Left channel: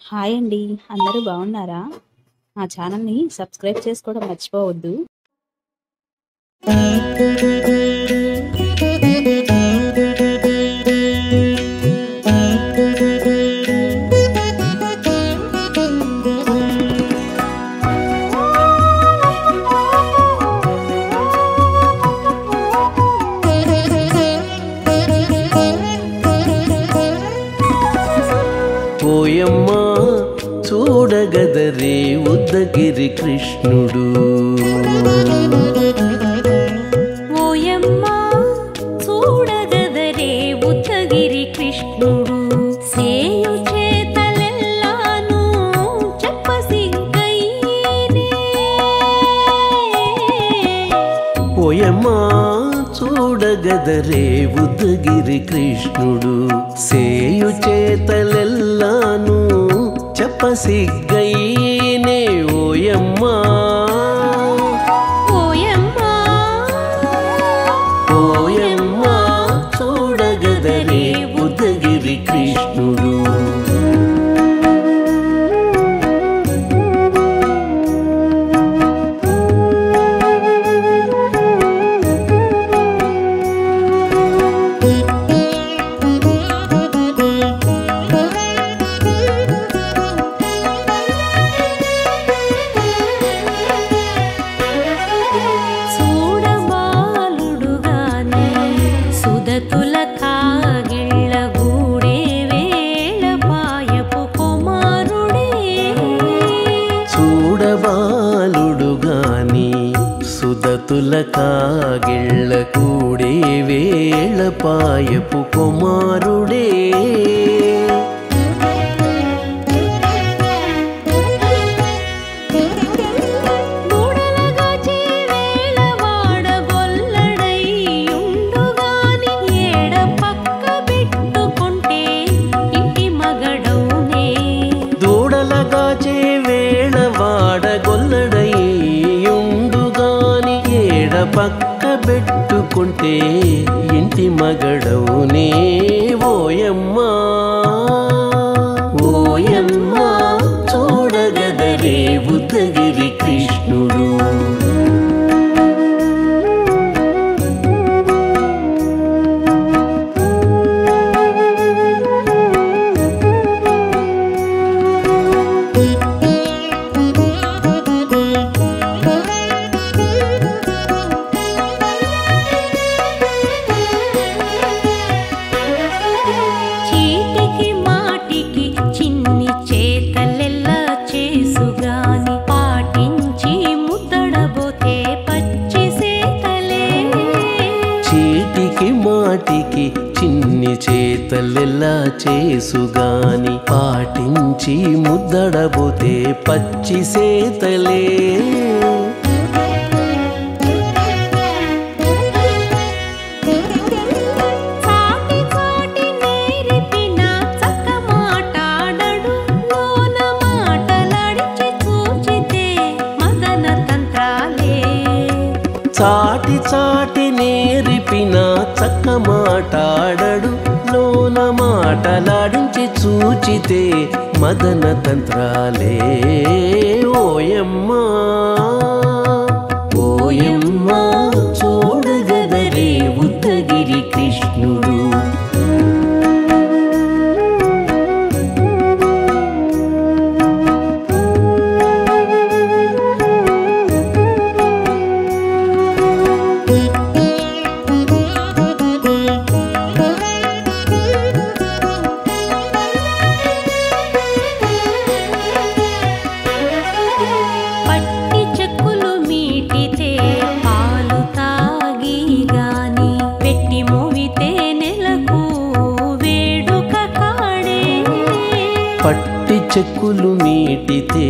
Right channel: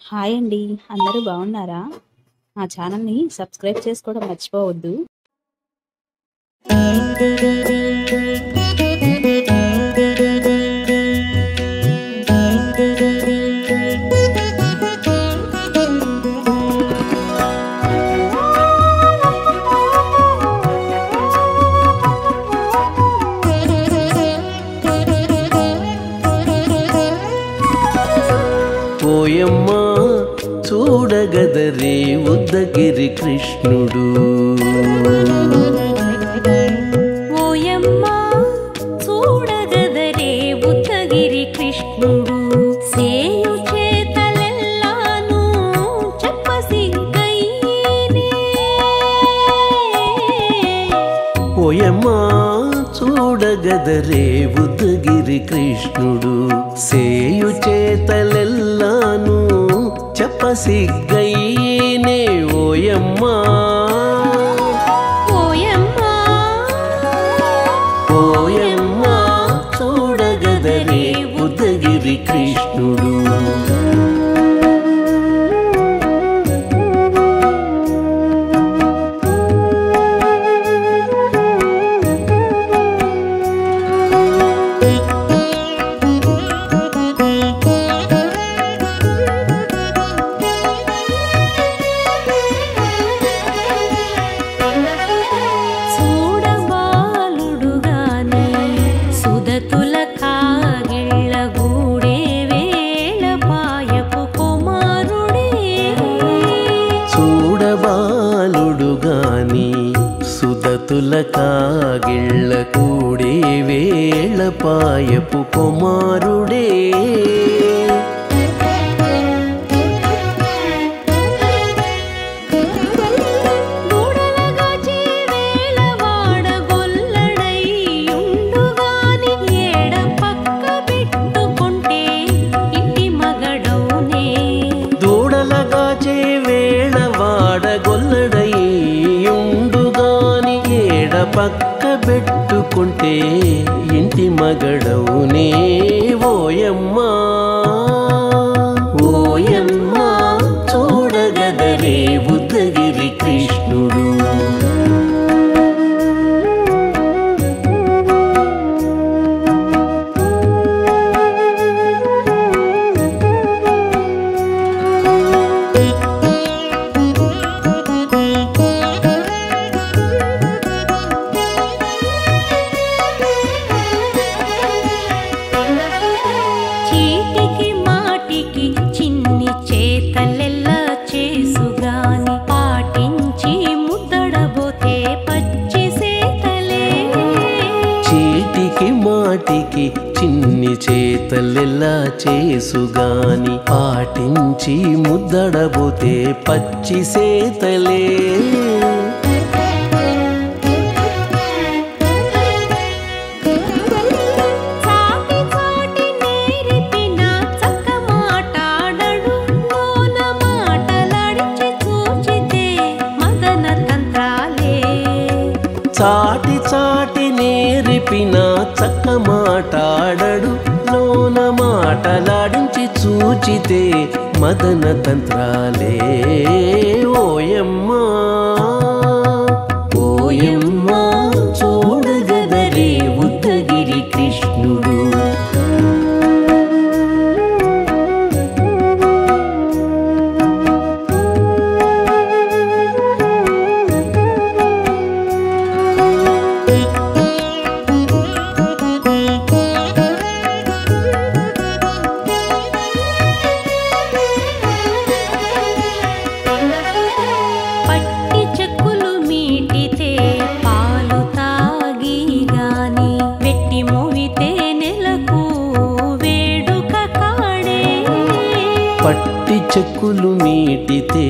Hi అండి. అందరూ బాగున్నారా? మా ఛానల్‌ని సబ్స్క్రైబ్ చేసుకోవడం మర్చిపోవద్దు. ఓయమ్మా చూడగదరే ఉద్దగిరి కృష్ణుడు. ఓయమ్మా చూడగదరే ఉద్దగిరి కృష్ణుడు. సేయు చేతలెల్లాను చెప్పసిగ్గయ్యేనే. ఓయమ్మా చూడగదరే ఉద్దగిరి కృష్ణుడు. సేయు చేతలెల్లాను చెప్పసిగ్గయ్యేనే. ఓయమ్మా ఓయమ్మా ఓయమ్మా చూడగదరే ఉద్దగిరి కృష్ణుడు. సుదతుల కాగిళ్ళ గూడే వేళ పాయపు కుమారుడే. చూడబాలుడు గాని సుదతుల కాగిళ్ళ కూడే వేళ పాయపు కుమారుడే. దూడలగాచే వేళ వాడగొల్లడయ్యుండుగాని ఏడ పక్క పెట్టుకుంటే ఇంటి మగడవునే. ఓయమ్మా ఓయమ్మా చూడగదరే ఉద్దగిరి కృష్ణుడు. చీటికి మాటికి చిన్ని చేతలెల్లా చేసుగాని పాటించి ముద్దడబోతే పచ్చి సేతలే. చీటికి మాటికి చిన్ని చేతలెల్లా చేసుగాని పాటించి ముద్దడబోతే పచ్చి సేతలే. చాటి చాటి నేరిపిన చక్క మాటాడడు లోన మాటలాడించి చూచితే మదన తంత్రాలే. ఓయమ్మా ఓయమ్మా చూడగదరే ఉద్దగిరి కృష్ణుడు. పట్టి చెక్కులు మీటితే పాలు తాగి గాని వెట్టి మోవితే నెలకు వేడుక కాడే. పట్టి చెక్కులు మీటితే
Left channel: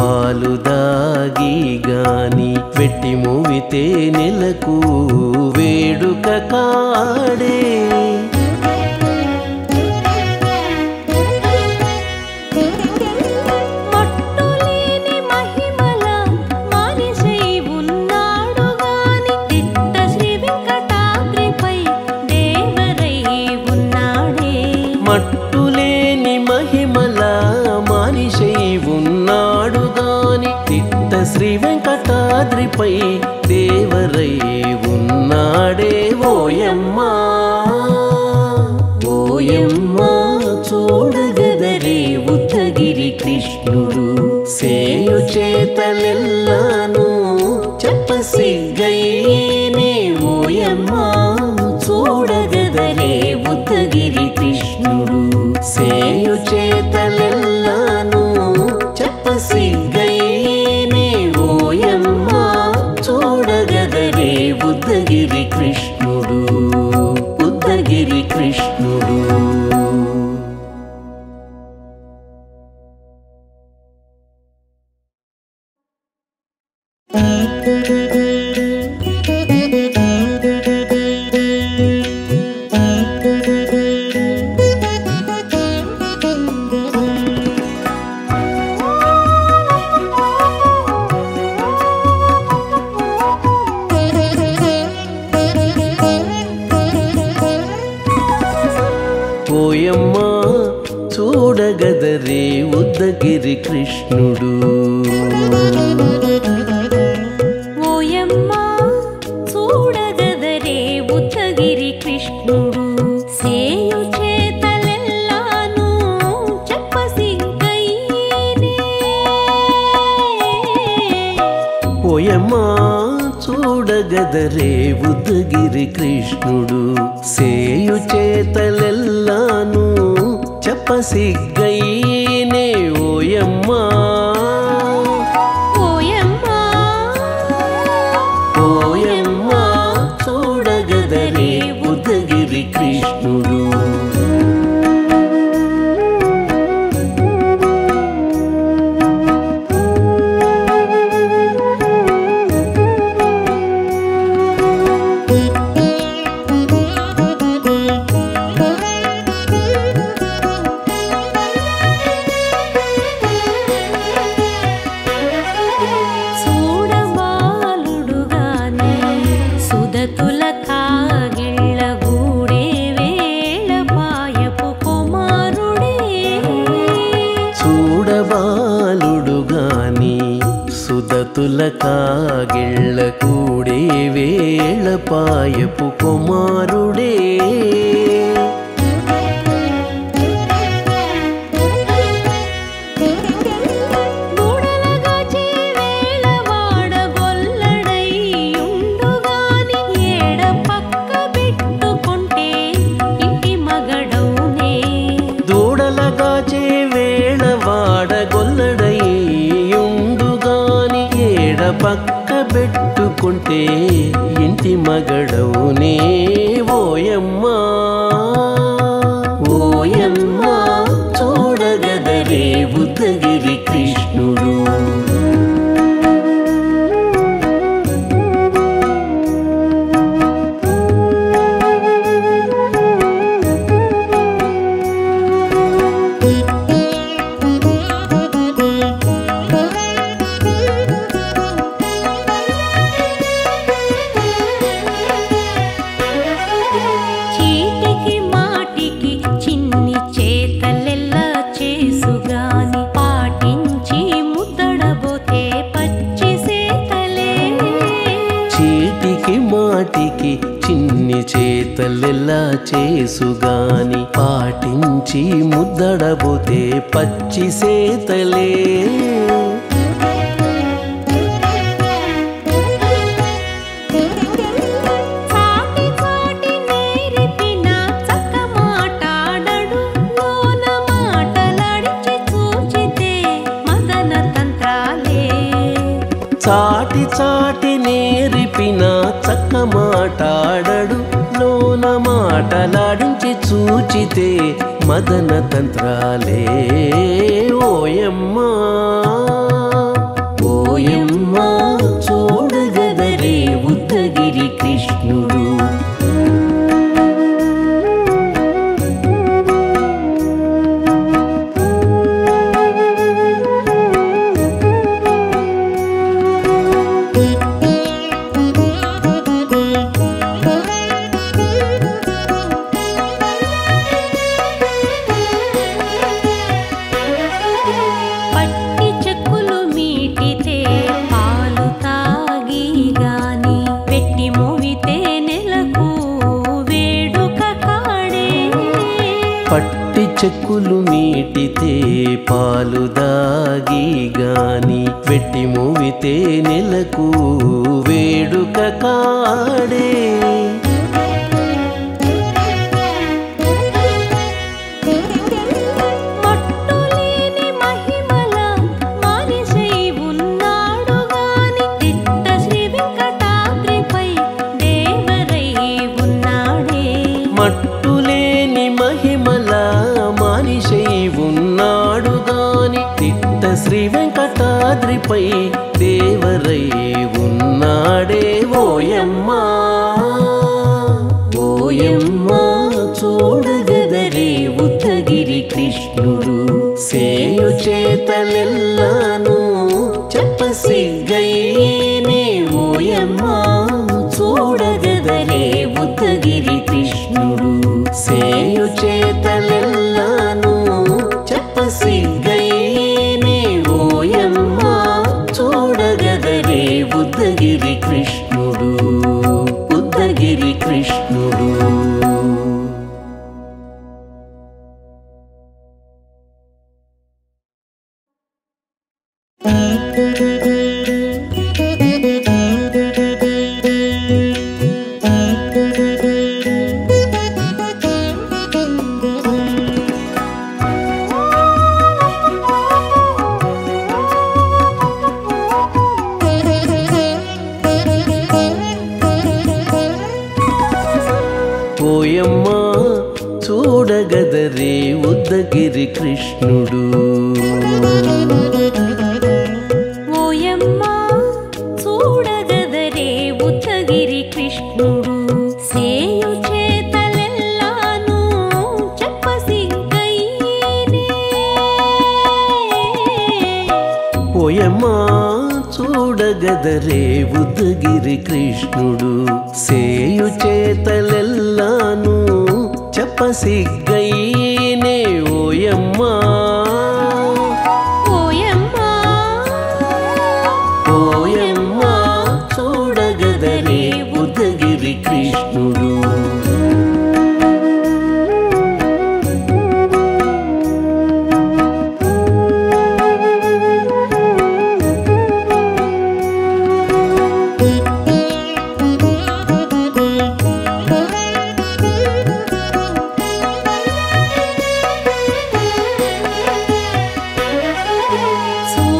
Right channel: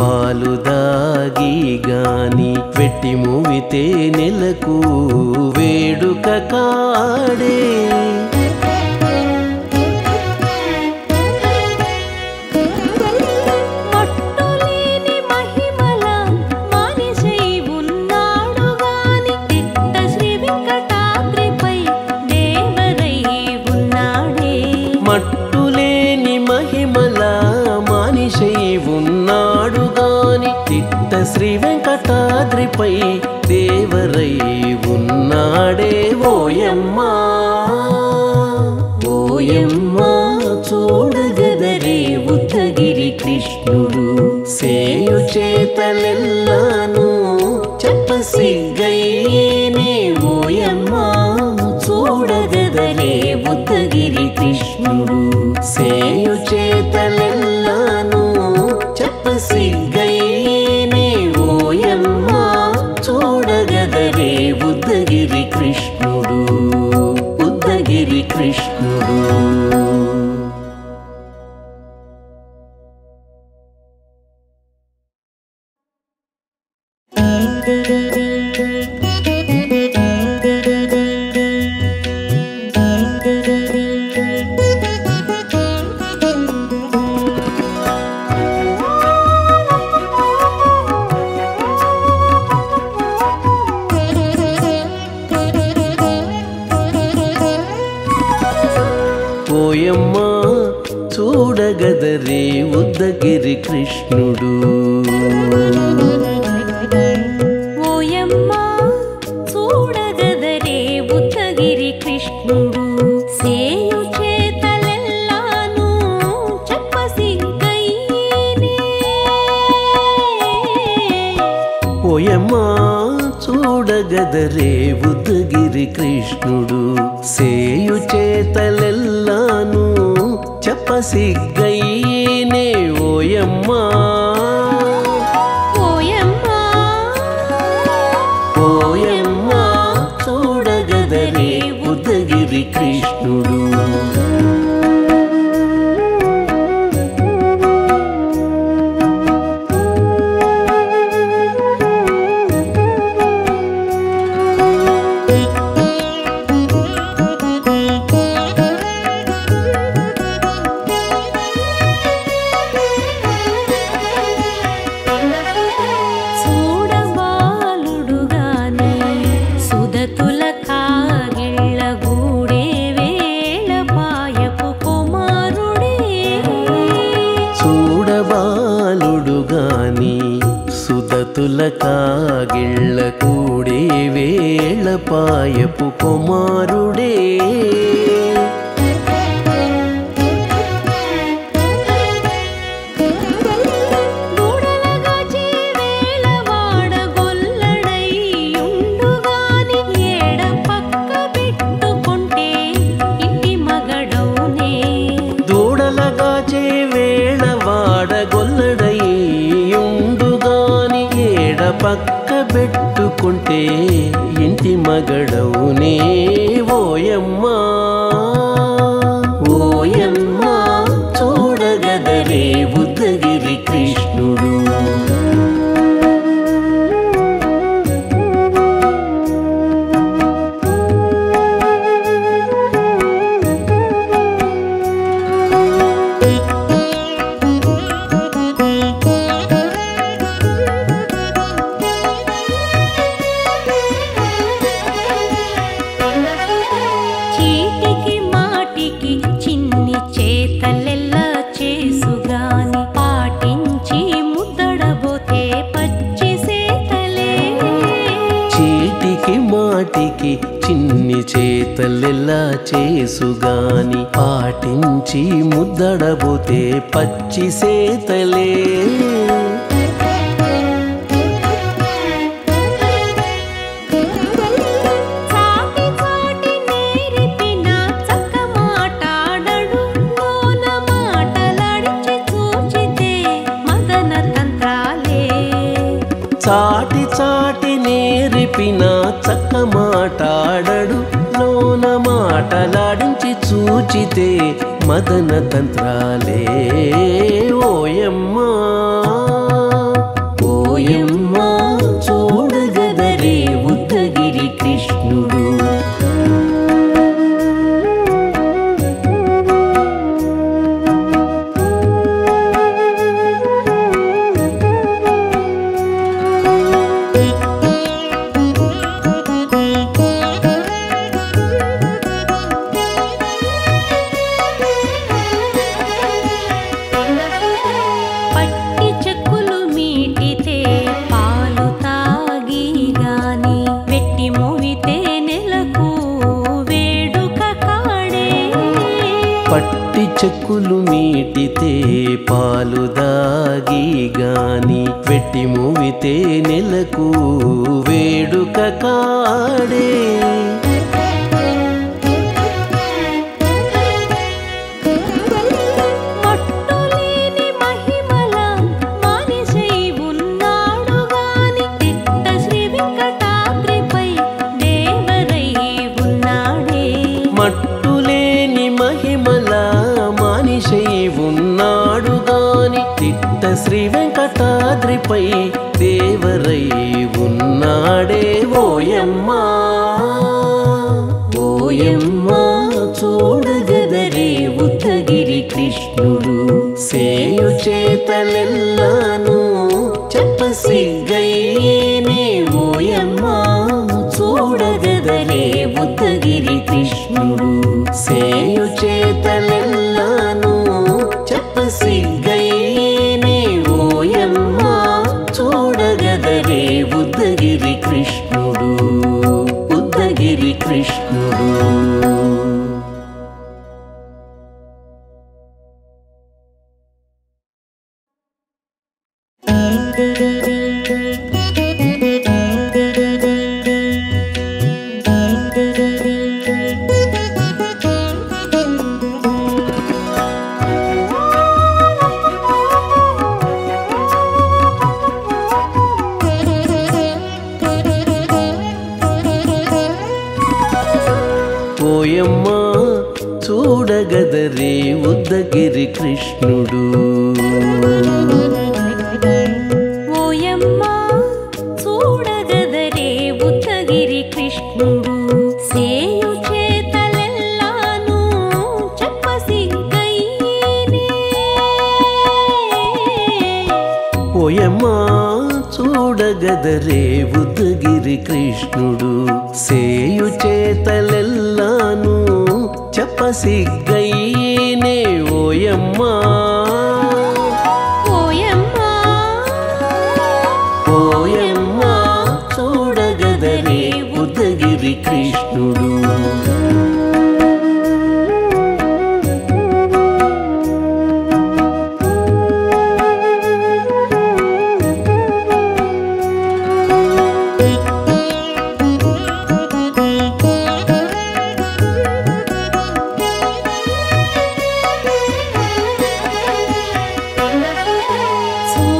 పాలు దాగి గాని వెట్టి మోవితే నెలకు వేడుక కాడే. మట్టులేని మహిమ తిరుమల మానిషై ఉన్నాడు గాని తిట్ట శ్రీ వెంకటాద్రిపై దేవరై ఉన్నాడే ఓయమ్మా ఓయమ్మా చూడగదరే ఉద్దగిరి కృష్ణుడు సేయు చేతలెల్లాను చెప్పసిగ్గైనే ఓయమ్మా చూడగదరే ఉద్దగిరి కృష్ణుడు సేయు చేతలెల్లాను చెప్పసిగ్గైనే ఓయమ్మా చూడగదరే ఉద్దగిరి కృష్ణుడు ఉద్దగిరి కృష్ణుడు. ఓయమ్మా చూడగదరే ఉద్దగిరి కృష్ణుడు ఓయమ్మా చూడగదరే ఉద్దగిరి కృష్ణుడు సేయు చేతలెల్లాను చెప్పసిగ్గైనే ఓయమ్మా చూడగదరే ఉద్దగిరి కృష్ణుడు సేయు చేతలెల్లాను చెప్పసిగ్గైనే ఓయమ్మా ఓయమ్మా ఓయమ్మా చూడగదరే ఉద్దగిరి కృష్ణుడు. సుదతుల కాగిళ్ళ గూడే వేళ పాయపు కుమారుడే చూడబాలుడు గాని సుదతుల కాగిళ్ళ కూడే వేళ పాయపు కుమారుడే దూడలగాచే వేళ వాడగొల్లడయ్యుండుగాని ఏడ పక్క పెట్టుకుంటే ఇంటి మగడవునే ఓయమ్మా ఓయమ్మా చూడగదరే ఉద్దగిరి కృష్ణుడు. చిన్ని చేతలెల్లా చేసుగాని పాటించి ముద్దడబోతే పచ్చి సేతలే చీటికి మాటికి చిన్ని చేతలెల్లా చేసుగాని పాటించి ముద్దడబోతే పచ్చి సేతలే చాటి చాటి నేర్పిన చక్క మాటాడడు లోన మాటలాడించి చూచితే మదన తంత్రాలే ఓయమ్మా ఓయమ్మా చూడగదరే ఉద్దగిరి కృష్ణుడు. పట్టి చెక్కులు మీటితే పాలు తాగి గాని వెట్టి మోవితే నెలకు వేడుక కాడే పట్టి చెక్కులు మీటితే పాలు దాగి గాని వెట్టి మూవితే నెలకు వేడుక కాడే మట్టులేని మహిమల మానిషై ఉన్నాడు గాని తిట్ట శ్రీ వెంకటాద్రిపై దేవరై ఉన్నాడే మట్టులేని మహిమల మానిషై ఉన్నాడు గాని తిట్ట శ్రీ వెంకటాద్రిపై దేవరై ఉన్నాడే ఓయమ్మా ఓయమ్మా చూడగదరే ఉద్దగిరి కృష్ణుడు సేయు చేతలెల్లాను చెప్పసిగ్గైనే ఓయమ్మా చూడగదరే ఉద్దగిరి కృష్ణుడు సేయు చేతలెల్లాను చెప్పసిగ్గైనే ఓయమ్మా చూడగదరే ఉద్దగిరి కృష్ణుడు ఉద్దగిరి కృష్ణుడు ఓయమ్మా చూడగదరే ఉద్దగిరి కృష్ణుడు ఓయమ్మా చూడగదరే ఉద్దగిరి కృష్ణుడు సేయు చేతలెల్లాను చెప్పసిగ్గైనే ఓయమ్మా చూడగదరే ఉద్దగిరి కృష్ణుడు సేయు చేతలెల్లాను చెప్పసిగ్గైనే ఓయమ్మా ఓయమ్మా ఓయమ్మా చూడగదరే ఉద్దగిరి కృష్ణుడు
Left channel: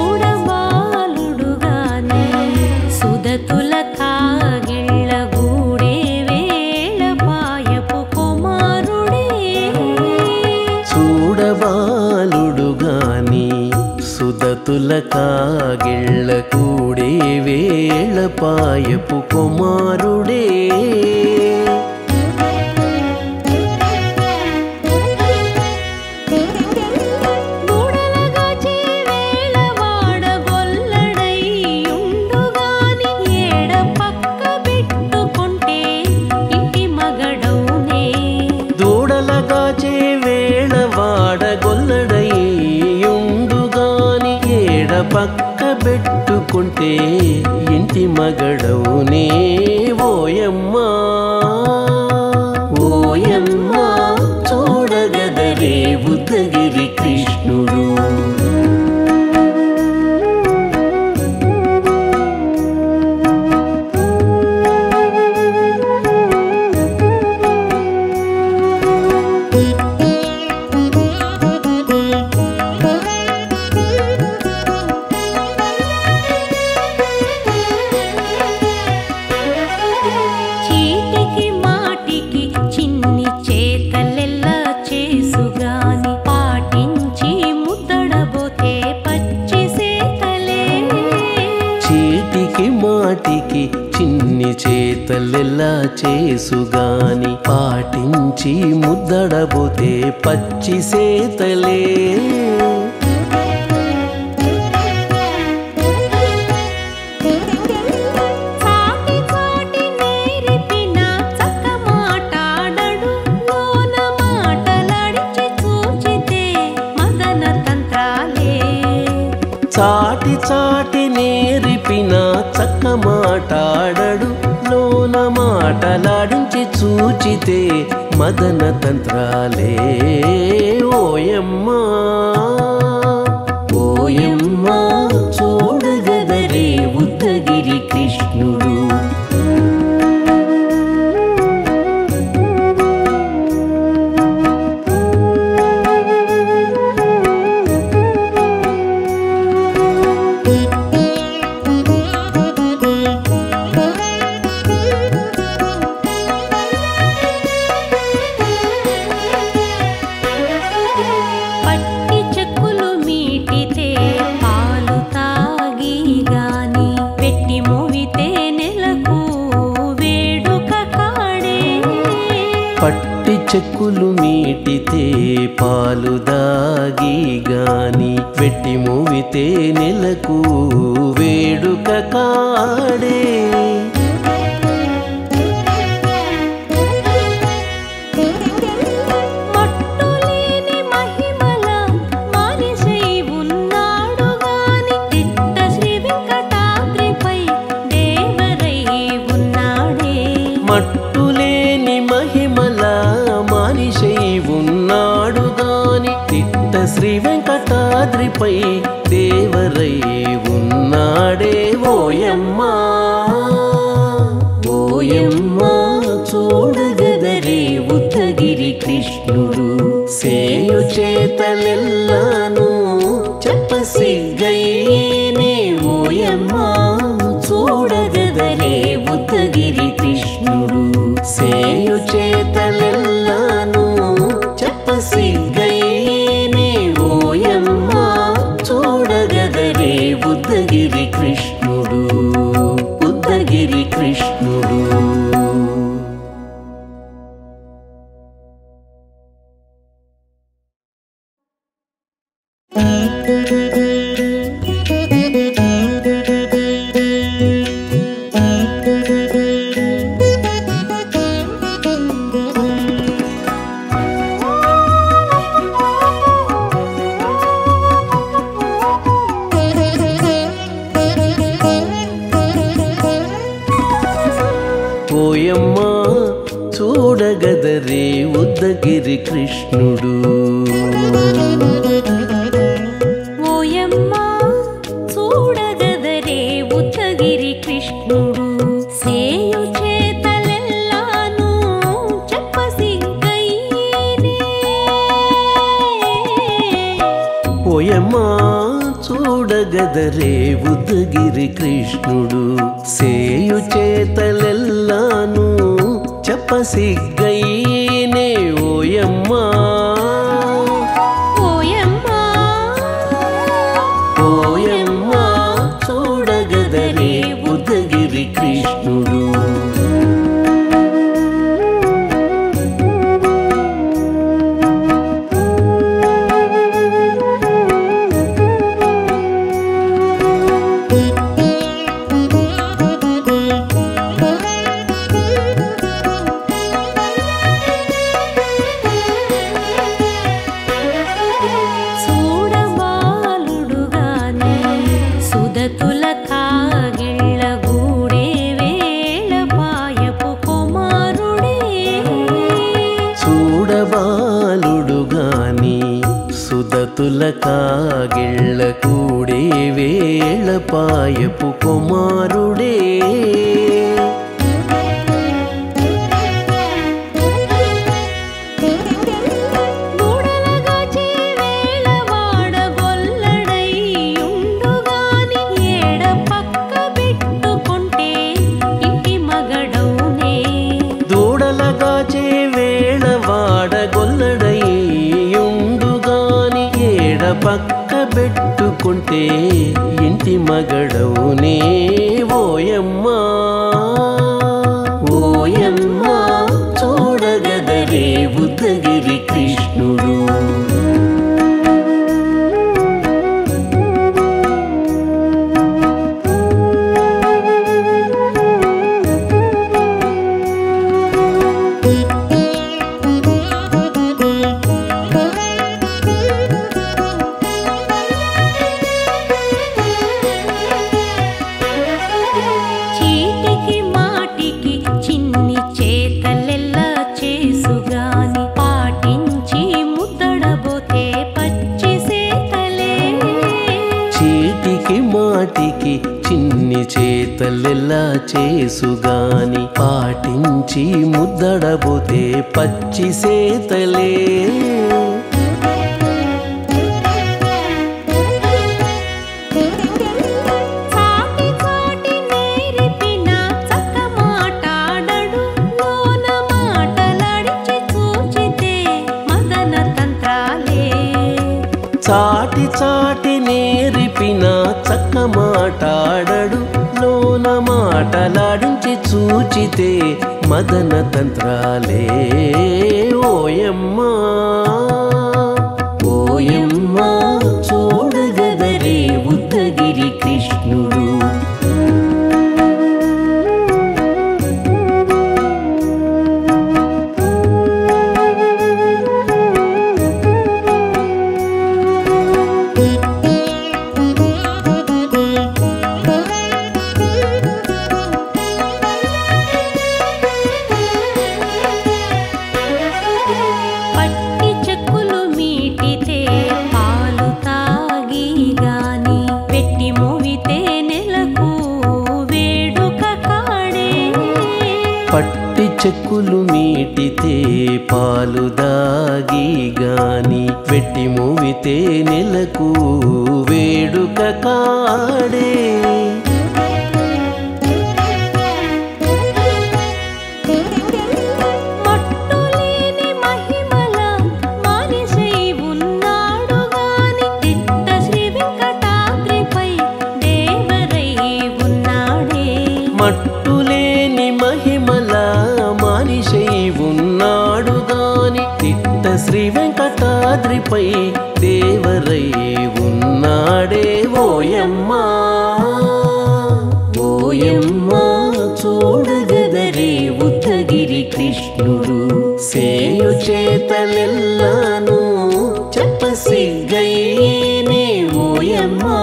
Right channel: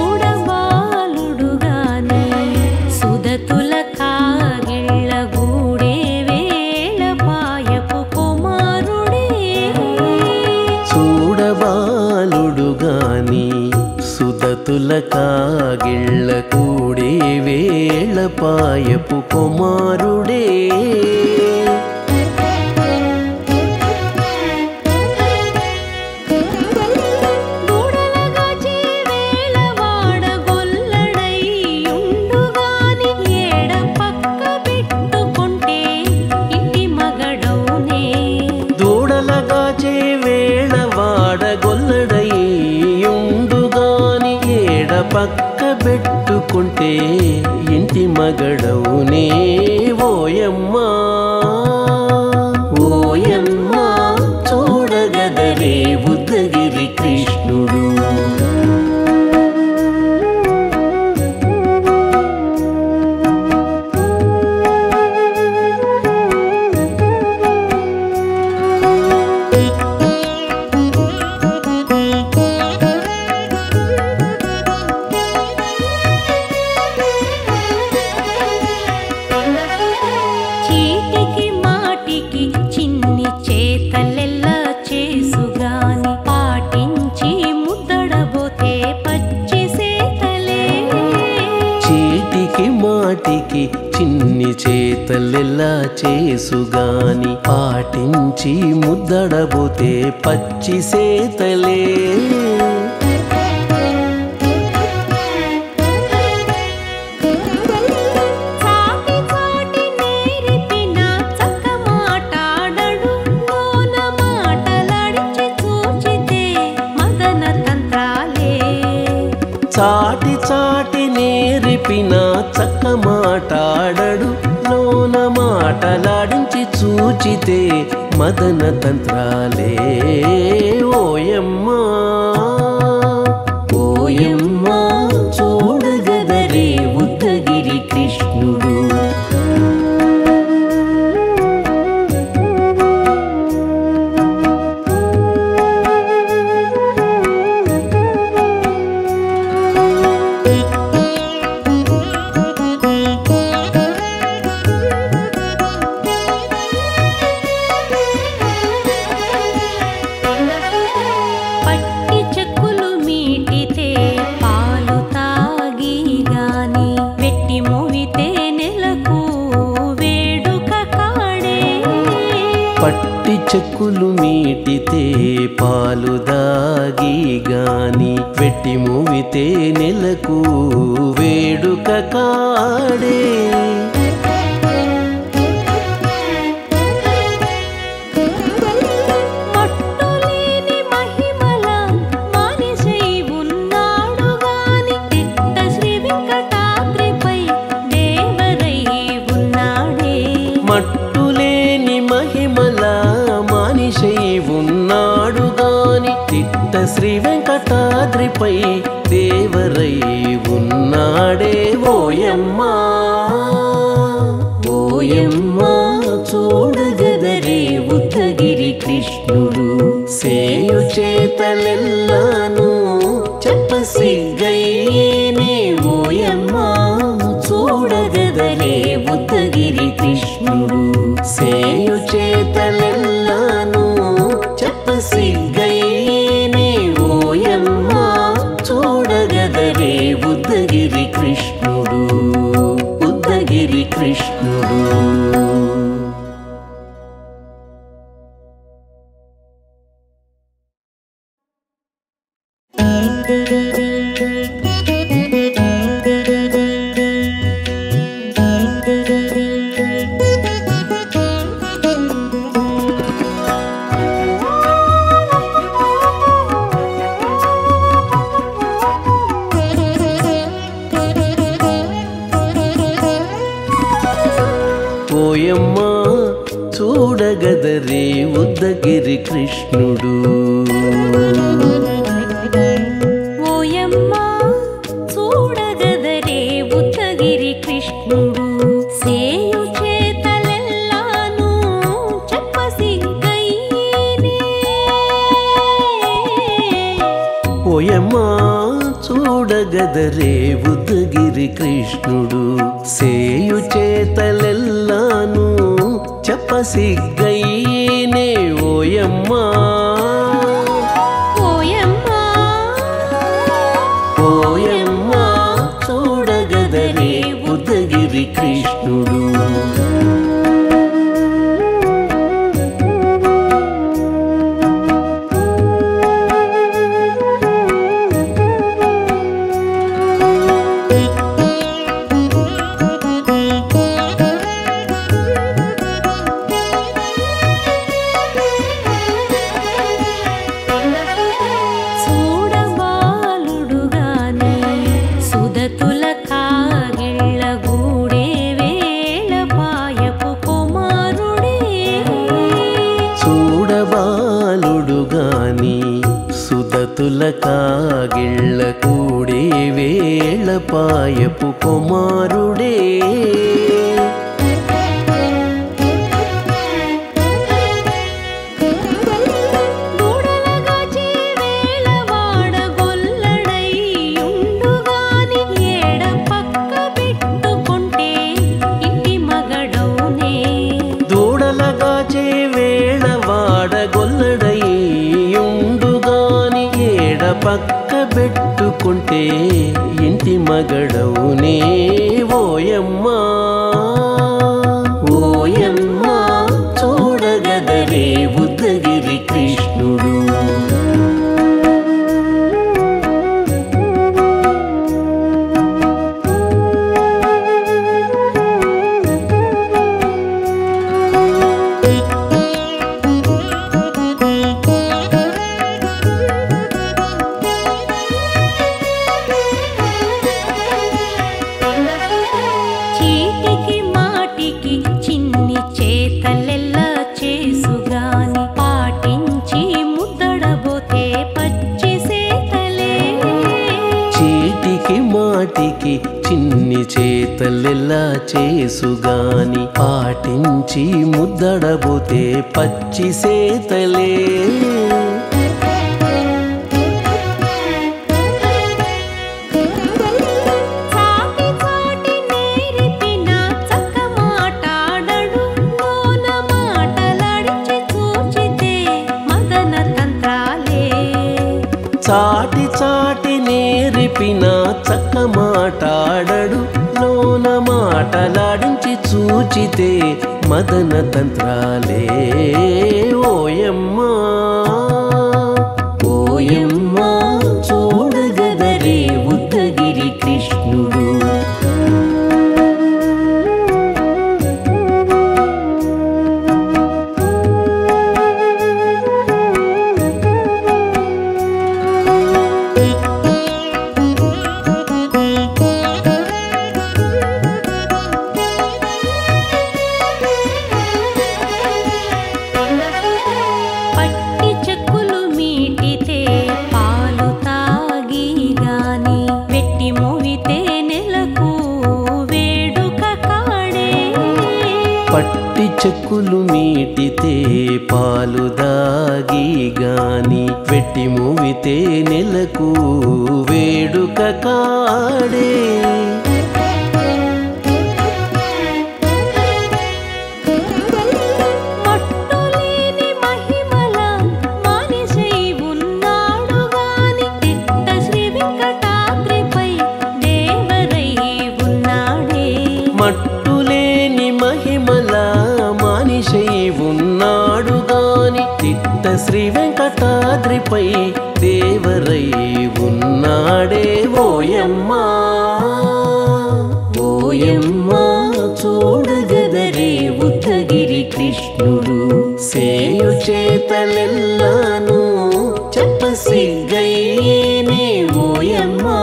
చూడబాలుడు గాని సుదతుల కాగిళ్ళ గూడే వేళ పాయపు కుమారుడే చూడబాలుడు గాని సుదతుల కాగిళ్ళ కూడే వేళ పాయపు కుమారుడే దూడలగాచే వేళ వాడగొల్లడైయుండు గాని ఏడ పక్క పెట్టుకుంటే ఇంటి మగడౌనే దూడలగాచే వేళ వాడగొల్లడైయుండుగాని ఏడ పక్క పెట్టుకుంటే ఇంటి మగడవునే ఓయమ్మా ఓయమ్మా చూడగదరే ఉద్దగిరి కృష్ణుడు చీటికి మాటికి చిన్ని చేతలెల్లా చేసుగాని పాటించి ముద్దడబోతే పచ్చి సేతలే చీటికి మాటికి చిన్ని చేతలెల్లా చేసుగాని పాటించి ముద్దడబోతే పచ్చి సేతలే చాటి చాటి నేర్పిన చక్క మాటాడడు లోన మాటలాడించి చూచితే మదన తంత్రాలే చాటి చాటి నేర్పిన చక్క మాటాడడు లోన మాటలాడించి చూచితే మదన తంత్రాలే ఓయమ్మా ఓయమ్మా చూడగదరే ఉద్దగిరి కృష్ణుడు పట్టి చెక్కులు మీటితే పాలు తాగి గాని వెట్టి మోవితే నెలకు వేడుక కాడే పట్టి చెక్కులు మీటితే పాలు దాగి గాని వెట్టి మూవితే నెలకు వేడుక కాడే మట్టులేని మహిమల మానిసై ఉన్నాడు గాని తిట్ట శ్రీ వెంకటాద్రిపై దేవరై ఉన్నాడే మట్టులేని మహిమల మానిషై ఉన్నాడు గాని తిట్ట శ్రీ వెంకటాద్రిపై దేవరై ఉన్నాడే ఓయమ్మా ఓయమ్మా చూడగదరే ఉద్దగిరి కృష్ణుడు సేయు చేతలెల్లాను చెప్పసిగ్గయ్యేనే ఓయమ్మా చూడగదరే ఉద్దగిరి కృష్ణుడు సేయు చేతలెల్లాను చెప్పసిగ్గయ్యేనే ఓయమ్మా చూడగదరే ఉద్దగిరి కృష్ణుడు ఉద్దగిరి కృష్ణుడు ఓయమ్మా చూడగదరే ఉద్దగిరి కృష్ణుడు ఓయమ్మా చూడగదరే ఉద్దగిరి కృష్ణుడు సేయు చేతలెల్లాను చెప్పసిగ్గయ్యేనే ఓయమ్మా చూడగదరే ఉద్దగిరి కృష్ణుడు సేయు చేతలెల్లాను చెప్పసిగ్గయ్యేనే ఓయమ్మా ఓయమ్మా ఓయమ్మా చూడగదరే ఉద్దగిరి కృష్ణుడు చూడబాలుడు గాని సుదతుల కాగిళ్ళ గూడే వేళ పాయపు కుమారుడే చూడబాలుడు గాని సుదతుల కాగిళ్ళ కూడే వేళ పాయపు కుమారుడే దూడలగాచే వేళ వాడగొల్లడైయుండు గాని ఏడ పక్క పెట్టుకుంటే ఇంటి మగడౌనే దూడలగాచే వేళ వాడగొల్లడయ్యుండుగాని ఏడ పక్క పెట్టుకుంటే ఇంటి మగడవునే ఓయమ్మా ఓయమ్మా చూడగదరే ఉద్దగిరి కృష్ణుడు చేతలెల్లా చేసుగాని పాటించి ముద్దడబోతే పచ్చి సేతలే చీటికి మాటికి చిన్ని చేతలెల్లా చేసుగాని పాటించి ముద్దడబోతే పచ్చి సేతలే చాటి చాటి నేర్పిన చక్క మాటాడడు లోన మాటలాడించి చూచితే మదన తంత్రాలే చాటి చాటి నేర్పిన చక్క మాటాడడు లోన మాటలాడించి చూచితే మదన తంత్రాలే ఓయమ్మా ఓయమ్మా చూడగదరే ఉద్దగిరి కృష్ణుడు పట్టి చెక్కులు మీటితే పాలు తాగి గాని వెట్టి మోవితే నెలకు వేడుక కాడే పట్టి చెక్కులు మీటితే పాలు దాగి గాని వెట్టి మూవితే నెలకు వేడుక కాడే మట్టులేని మహిమల మానిషై ఉన్నాడు గాని తిట్ట శ్రీ వెంకటాద్రిపై దేవరై ఉన్నాడే మట్టులేని మహిమల మానిషై ఉన్నాడు గాని తిట్ట శ్రీ వెంకటాద్రిపై దేవరై ఉన్నాడే ఓయమ్మా ఓయమ్మా చూడగదరే ఉద్దగిరి కృష్ణుడు సేయు చేతలెల్లాను చెప్పసిగ్గయ్యేనే ఓయమ్మా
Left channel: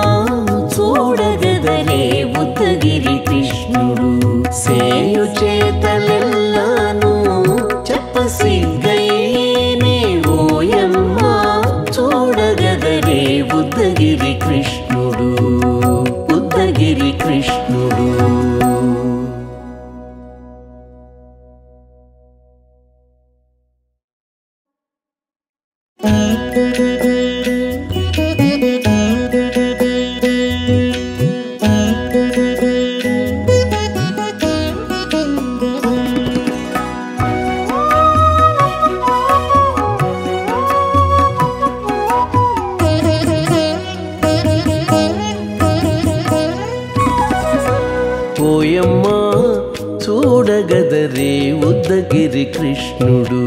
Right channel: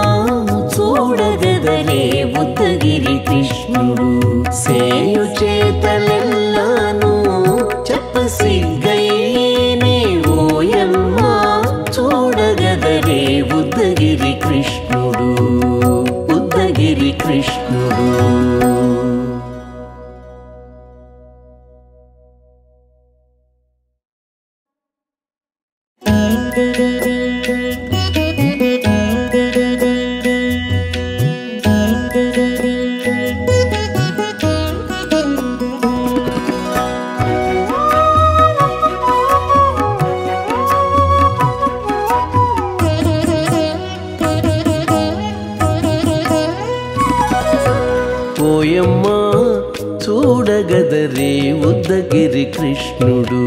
చూడగదరే ఉద్దగిరి కృష్ణుడు సేయు చేతలెల్లాను చెప్పసిగ్గయ్యేనే ఓయమ్మా చూడగదరే ఉద్దగిరి కృష్ణుడు ఉద్దగిరి కృష్ణుడు ఓయమ్మా చూడగదరే ఉద్దగిరి కృష్ణుడు